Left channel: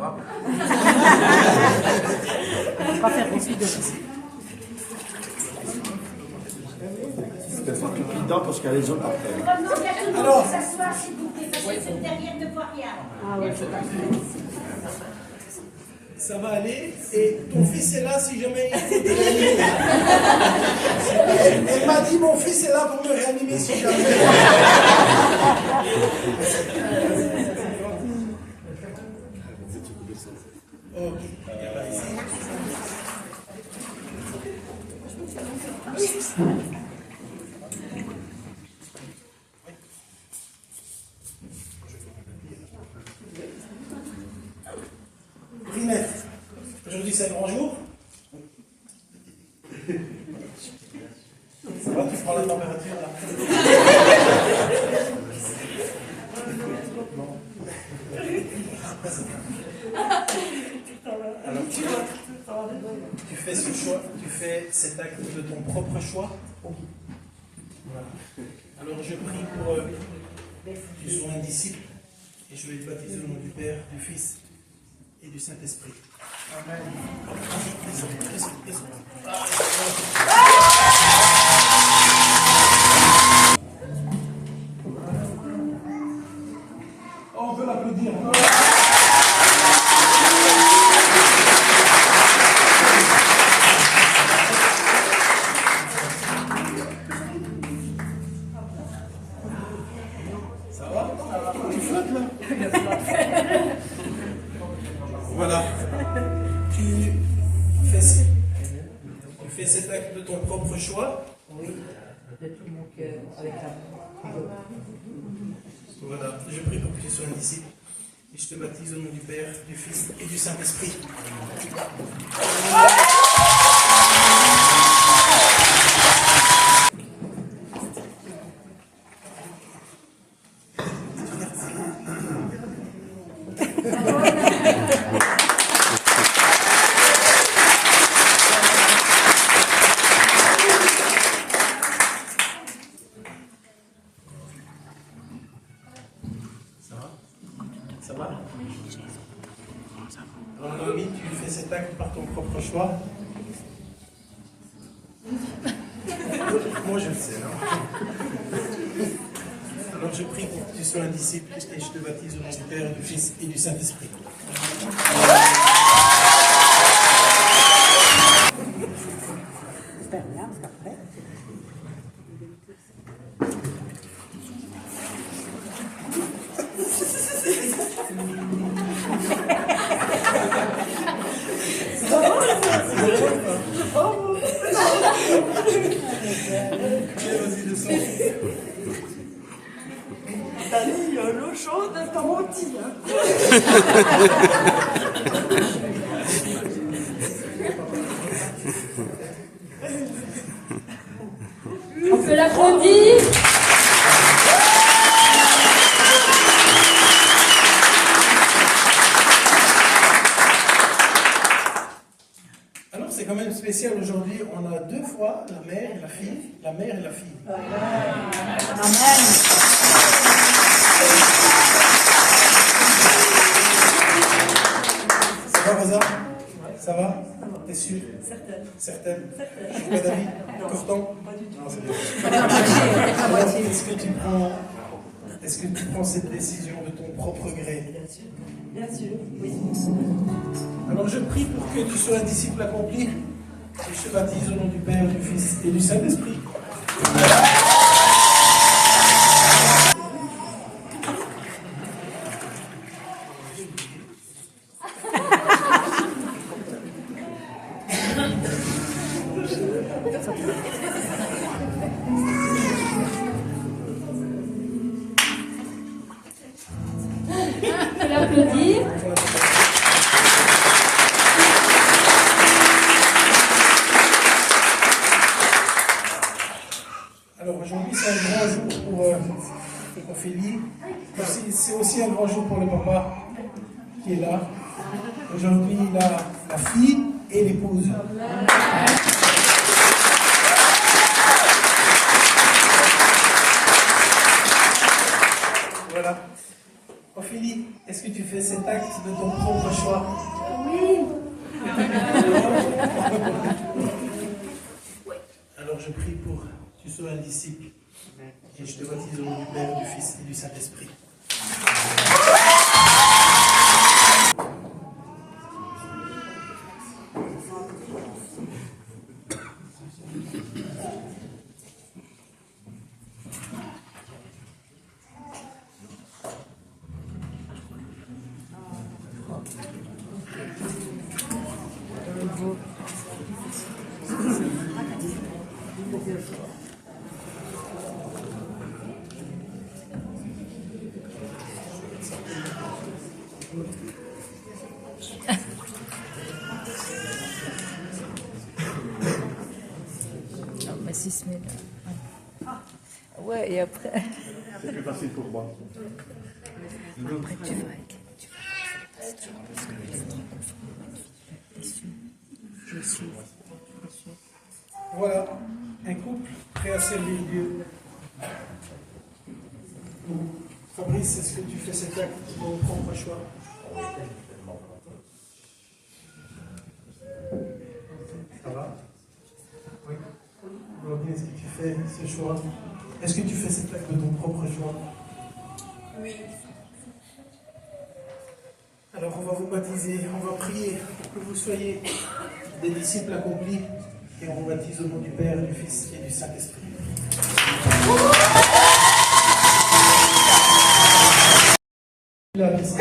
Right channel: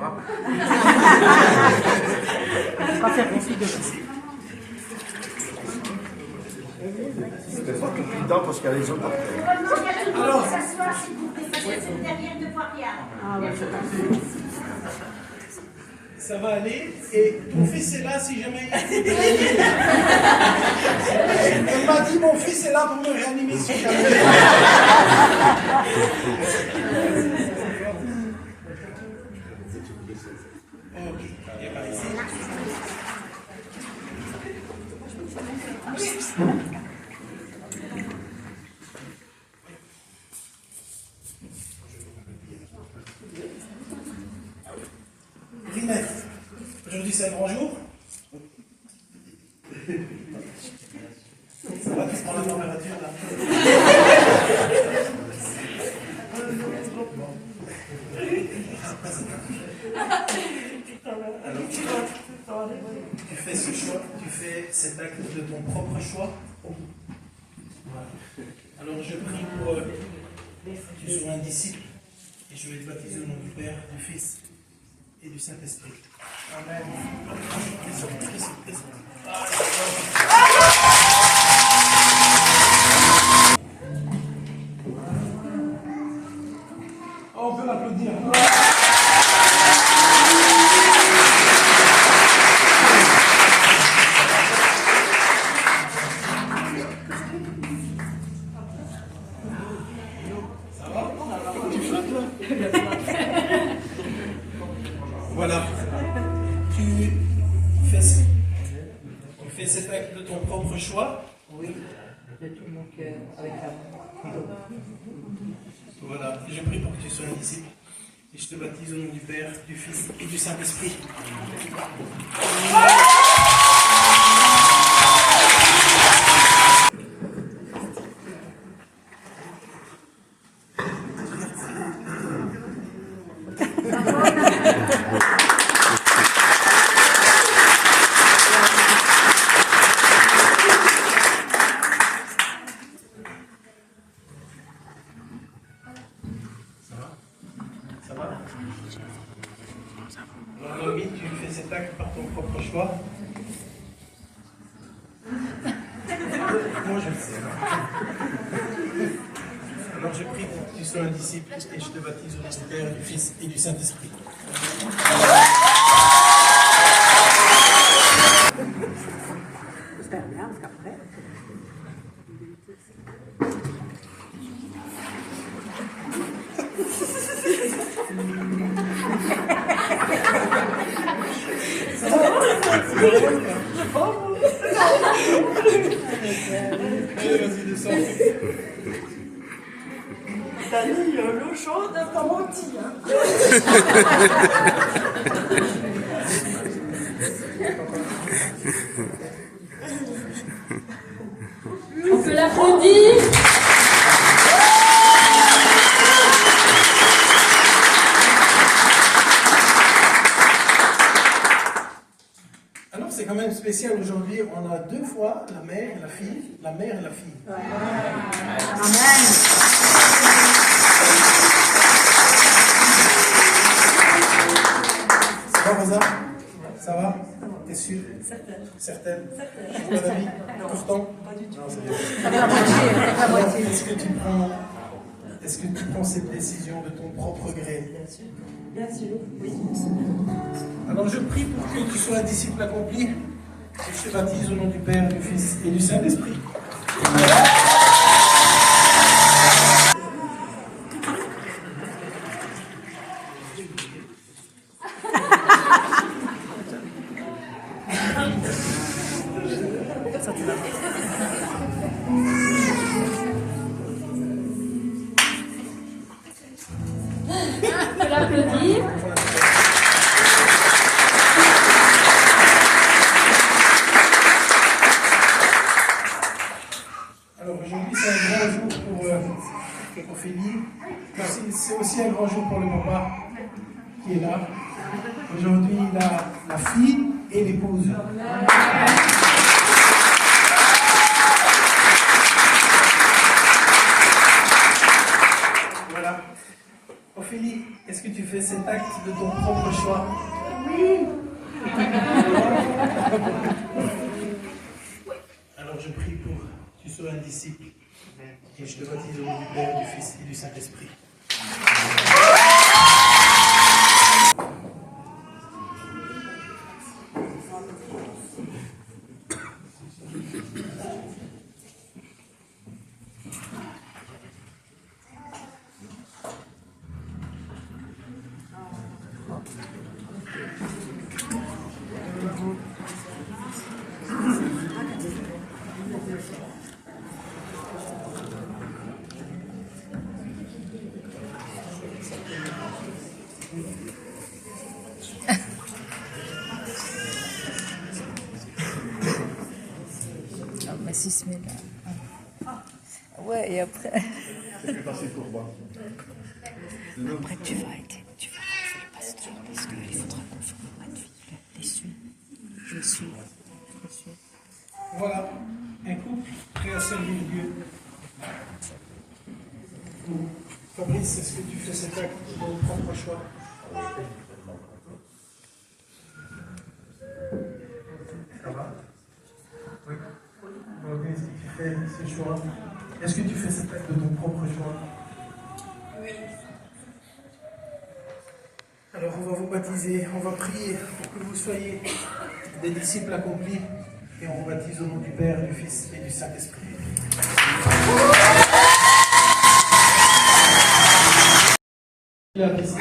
vois. On va faire aussi de ça. C'est pas tout dedans parce qu'il y a les autres après. Alors, s'asseoir s'il vous plaît, parce que cette derrière ne voit rien. Ah ouais, c'est pas Ça va aller. Et ton fils est là si jamais il faut te réanimer. Elle m'a dit mon fils est là pour me réanimer si jamais. Ok. Rinette, aujourd'hui c'est un grand jour. Ça va, tu prends la température là. Alors, tu fais ce choix, tu fais cet acte de ton propre choix. Voilà. Alors je prie pour que tu sois un disciple et je vais te baptiser au nom du Père, du Fils et du Saint-Esprit. Amen. On peut l'applaudir. Ça va? Tu flottes là? Voilà. Tu fais cet acte de ton propre choix. Oui, de tout mon cœur, avec amour. Voilà. Je prie pour que tu sois un disciple. Et je te baptise au nom du Père, du Fils et du Saint-Esprit. Ça va? Alors, Noémie, tu fais cet acte par ton propre choix. Moi, je le sais. Alors, je prie pour que tu sois un disciple et je te baptise au nom du Père, du Fils et du Saint-Esprit. J'espère bien, parce qu'après. Vas-y, descends. T'as dit l'eau chaude, t'as menti, hein. On peut l'applaudir. Alors, c'est quand même spécial aujourd'hui. On a deux fois la mère et la fille. La mère et la fille. Amen. Ça va, Rosa? Ça va? T'es sûre? Certaine. Pas d'avis? Pourtant? Pas du tout. Non, c'est bien. Alors, est-ce que tu prends cette décision de ton propre gré? Bien sûr, oui. Alors, je prie pour que tu sois un disciple accompli. Et je te baptise au nom du Père, du Fils et du Saint-Esprit. On peut l'applaudir. Alors aujourd'hui, c'est un grand jour pour Ophélie. C'est aussi un grand jour pour le papa qui est là. Aujourd'hui, il a la fille et l'épouse. Voilà. Ophélie, est-ce que tu tu fais cet acte de ton propre choix? Oui. Alors je prie pour que tu sois un disciple et je te baptise au nom du Père, du Fils et du Saint-Esprit. Ah, mais si se met là. Ouais, et après. C'est plus facile pour moi. Après, tu vas aider. Tu vas faire le pasteur parce qu'il faudra qu'on forme ma fille. Déçue. Je suis. Voilà, un couple prêt à servir Dieu. Fabrice, est-ce que tu fais cet acte de ton propre choix? Ça va? Oui. Claudine, est-ce que tu fais ce choix? Est-ce que tu fais cet acte de ton propre choix? Oui. Alors on va vous baptiser, on va prier pour que vous soyez des disciples accomplis et on vous baptise au nom du Père, du Fils et du Saint-Esprit. La liste.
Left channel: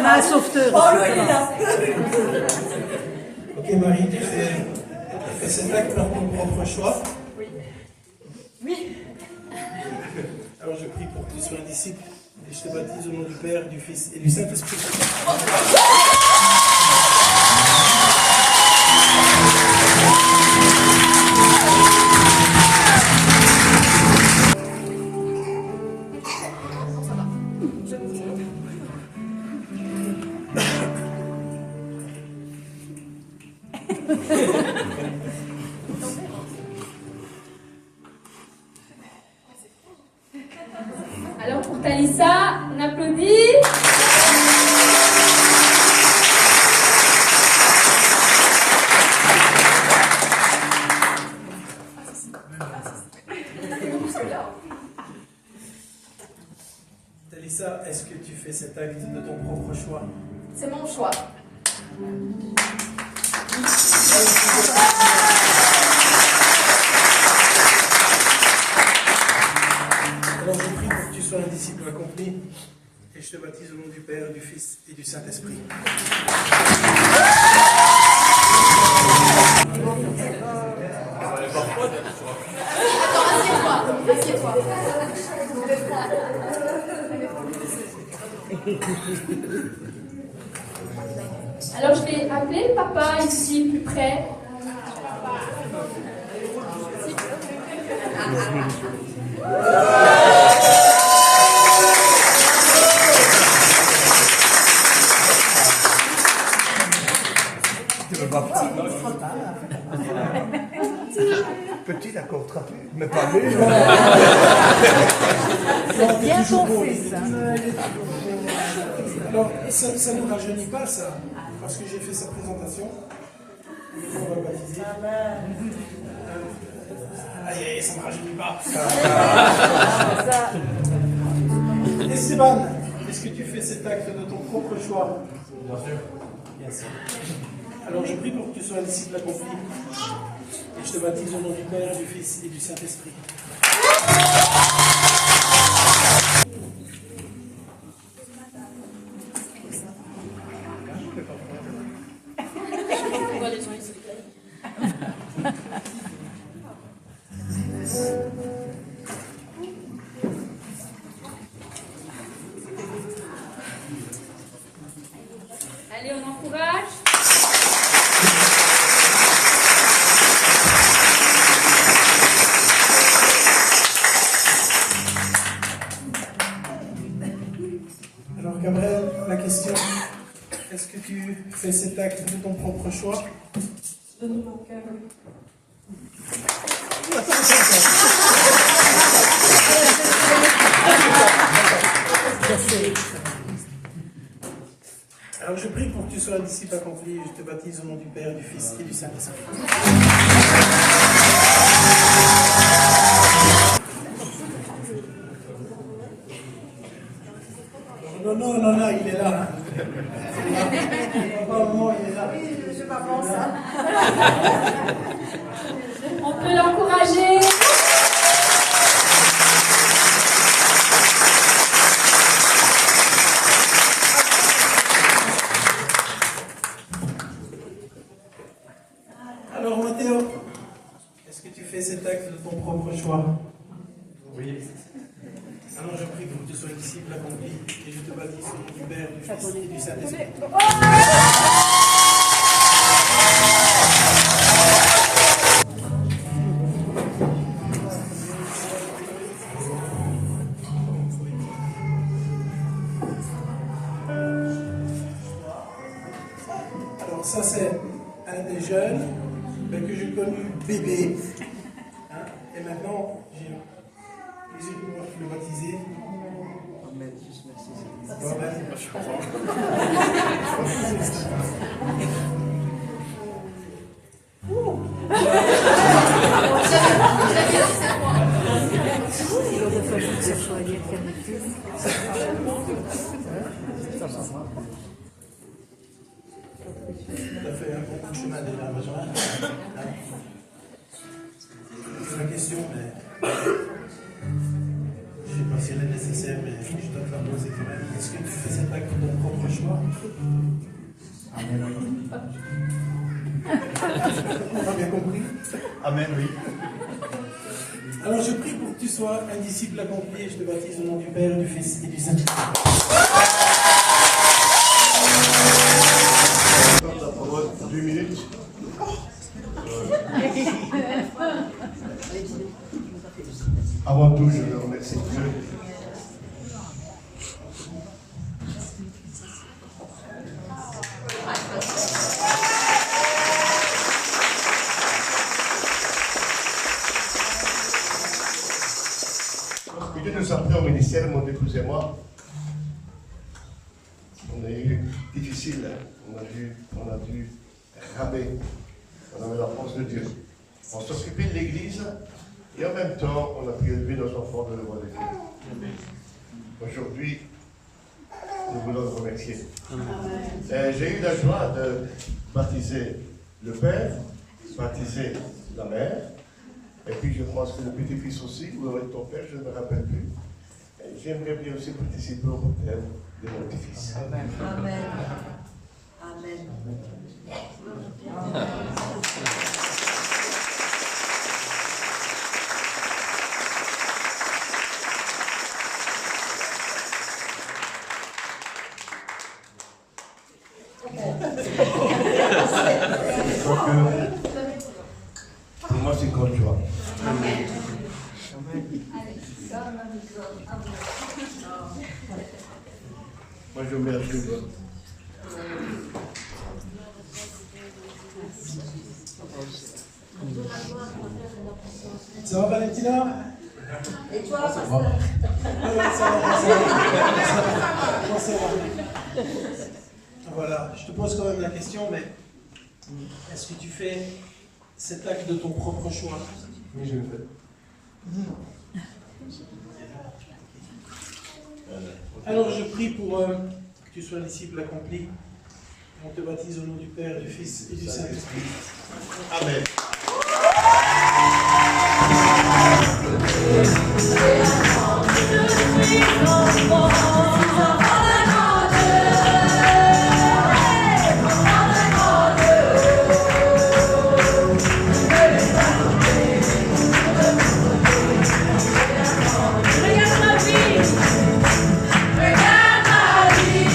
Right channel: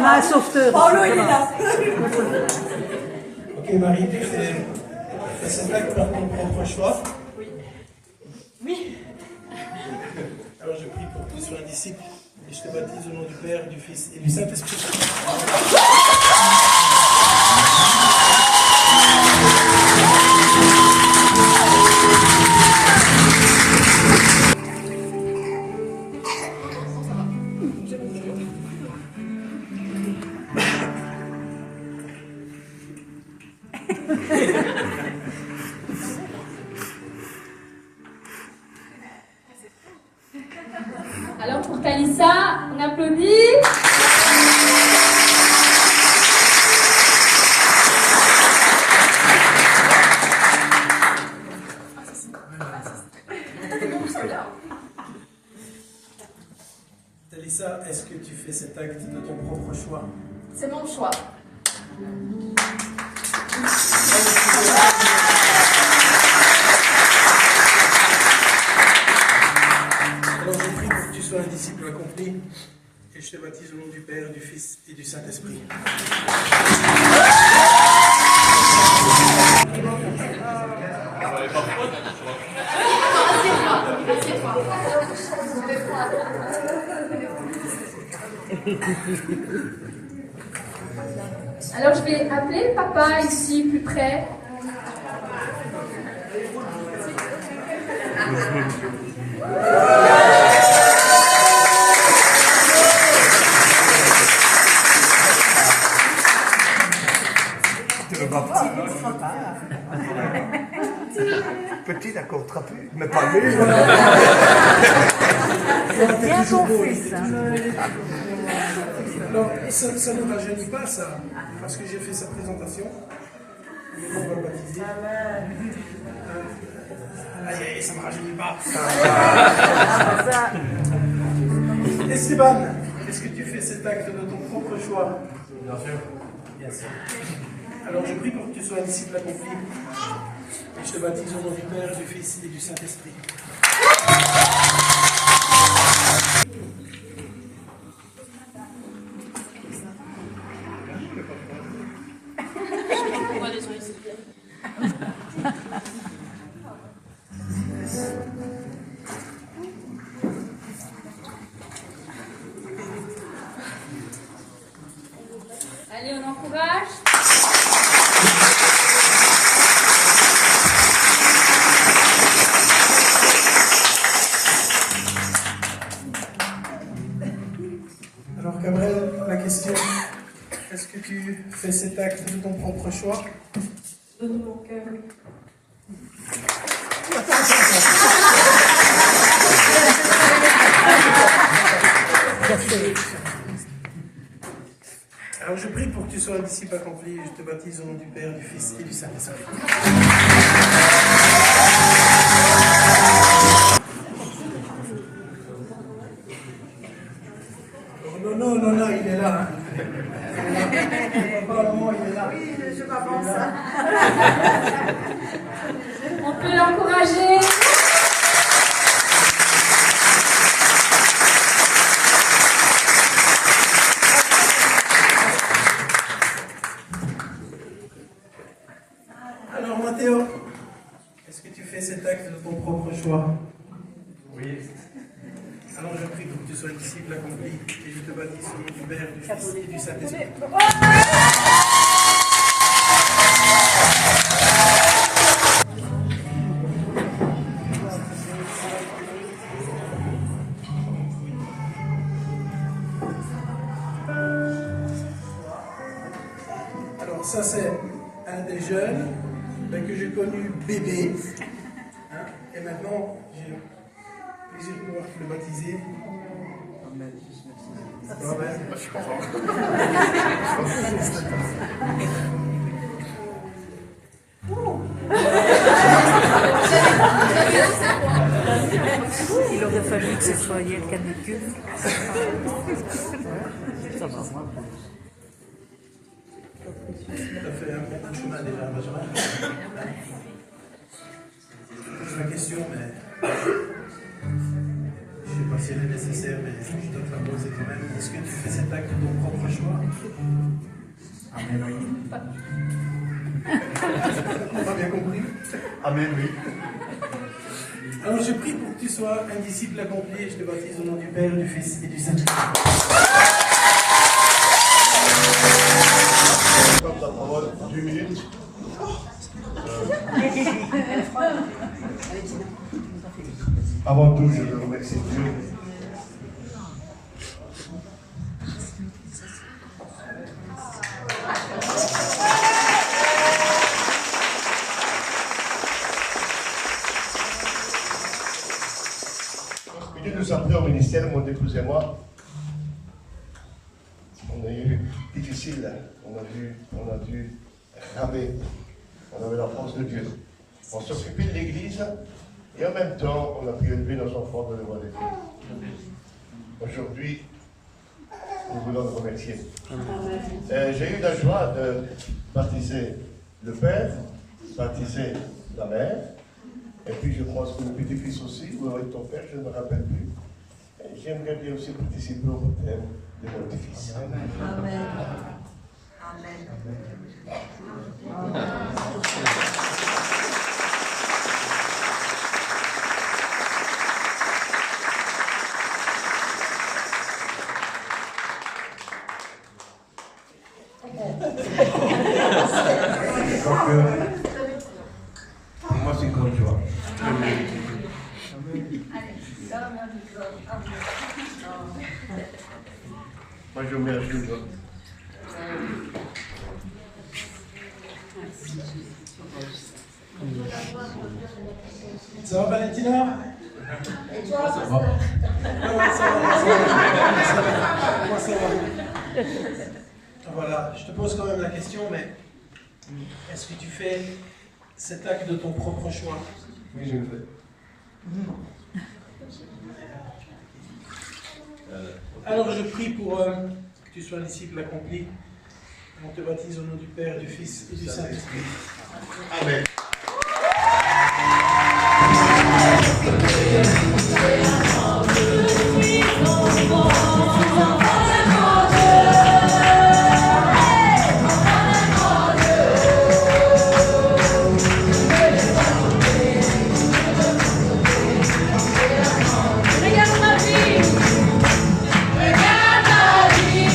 Ma sauveteur. Oh, le il est là. Ok Marie, tu fais cet acte par ton propre choix? Oui. Alors je prie pour que tu sois un disciple et je te baptise au nom du Père, du Fils et du Saint-Esprit. Alors pour Talissa, on applaudit. Talissa, est-ce que tu fais cet acte de ton propre choix? C'est mon choix. Alors je prie pour que tu sois un disciple accompli et je te baptise au nom du Père, du Fils et du Saint-Esprit. Alors je vais appeler le papa ici, plus près. Tu veux pas petit, d'accord, trapu, mais pas lui. C'est bien ton fils. Hein. Alors, ça ne nous rajeunit pas, ça, parce que j'ai fait sa présentation. Et on va le baptiser. Allez, ça ne me rajeunit pas. Esteban, est-ce que tu fais cet acte de ton propre choix? Bien sûr. Bien sûr. Alors, je prie pour que tu sois un disciple accompli. Et je te baptise au nom du Père, du Fils et du Saint-Esprit. Allez, on encourage. Alors, Gabriel, la question, est-ce que tu fais cet acte de ton propre choix? Donne mon cœur. Alors je prie pour que tu sois un disciple accompli. Je te baptise au nom du Père, du Fils et du Saint-Esprit. Non, il est là. Vraiment, il est là. Oui, je m'avance. On peut l'encourager. Alors Mathéo, est-ce que tu fais cet acte de ton propre choix? Oui. Alors je prie pour que tu sois disciple accompli et je te baptise au nom du Père, du Fils et du Saint-Esprit. Alors ça c'est un des jeunes que j'ai connu bébé. Hein, et maintenant j'ai plaisir de pouvoir te le baptiser. Amen. Je suis content. Il aurait fallu que ce soit une canicule. Ça fait un bon bout de chemin déjà, Benjamin. C'est la question, mais je ne sais pas si elle est nécessaire, mais je dois te la poser quand même. Est-ce que tu fais cet acte de ton propre choix? Amen, oui. Pas bien compris? Amen, oui. Alors je prie pour que tu sois un disciple accompli et je te baptise au nom du Père, du Fils et du Saint-Esprit. La parole 2 minutes. Avant tout, je veux remercier Dieu. Lorsque Dieu nous a pris au ministère, mon épouse et moi, on a eu difficile, hein. on a dû ramer. On avait la force de Dieu. On s'occupait de l'église et en même temps, on a pu élever nos enfants de la voie de Dieu. Aujourd'hui, nous voulons le remercier. J'ai eu la joie de baptiser le père, baptiser la mère, et puis je pense que le petit-fils aussi, ou avec ton père, je ne me rappelle plus. Et j'aimerais bien aussi participer au baptême de mon petit-fils. Amen. Amen. Pour moi, c'est une grande joie. Moi, je mets à jour. Ça va Valentina? Et toi? Ça va. Ça va. Voilà, je te pose quand même la question, mais est-ce que tu fais cet acte de ton propre choix? Oui, je le fais. Alors je prie pour que tu sois un disciple accompli. On te baptise au nom du Père, du Fils et du Saint-Esprit. Amen. Regarde ma vie,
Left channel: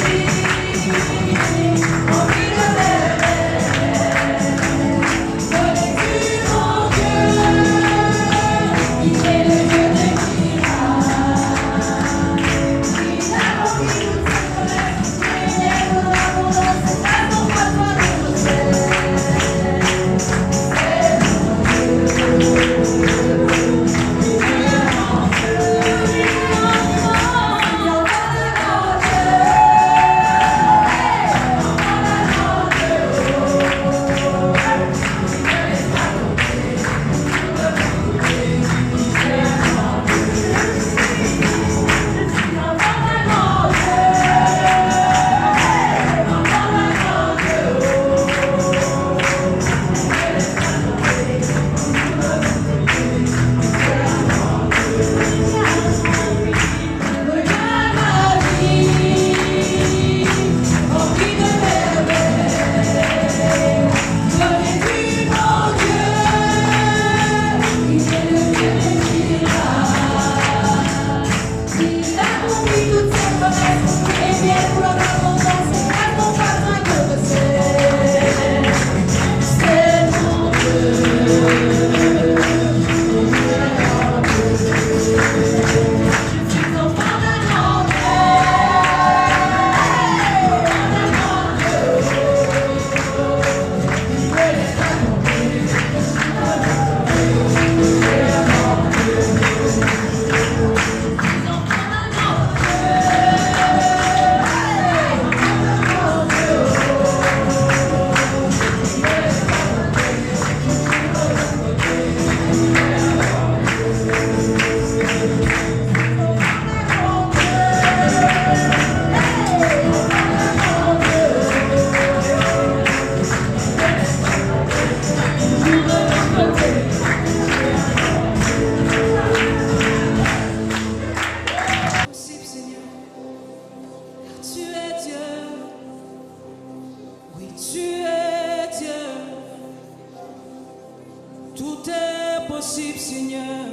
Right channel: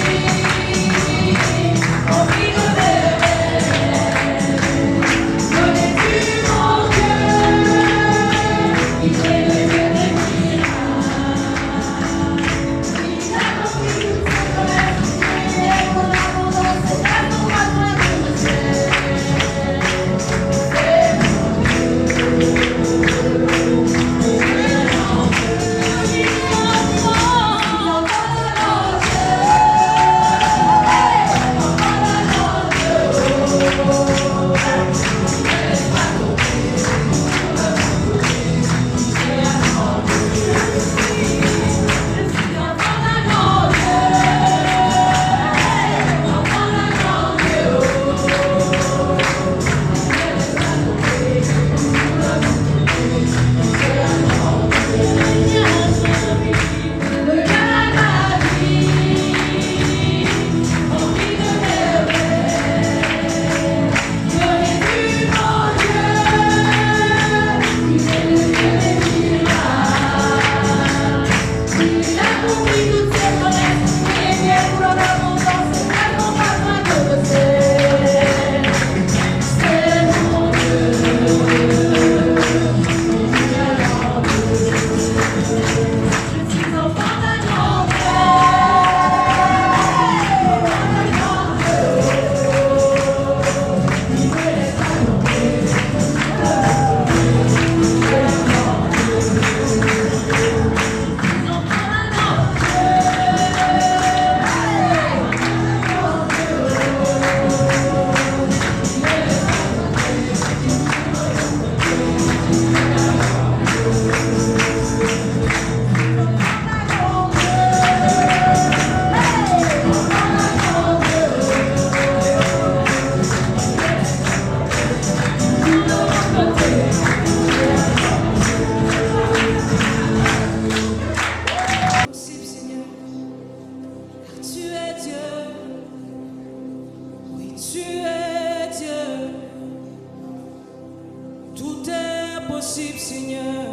est possible, Seigneur,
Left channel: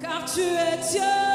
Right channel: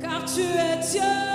car tu es Dieu.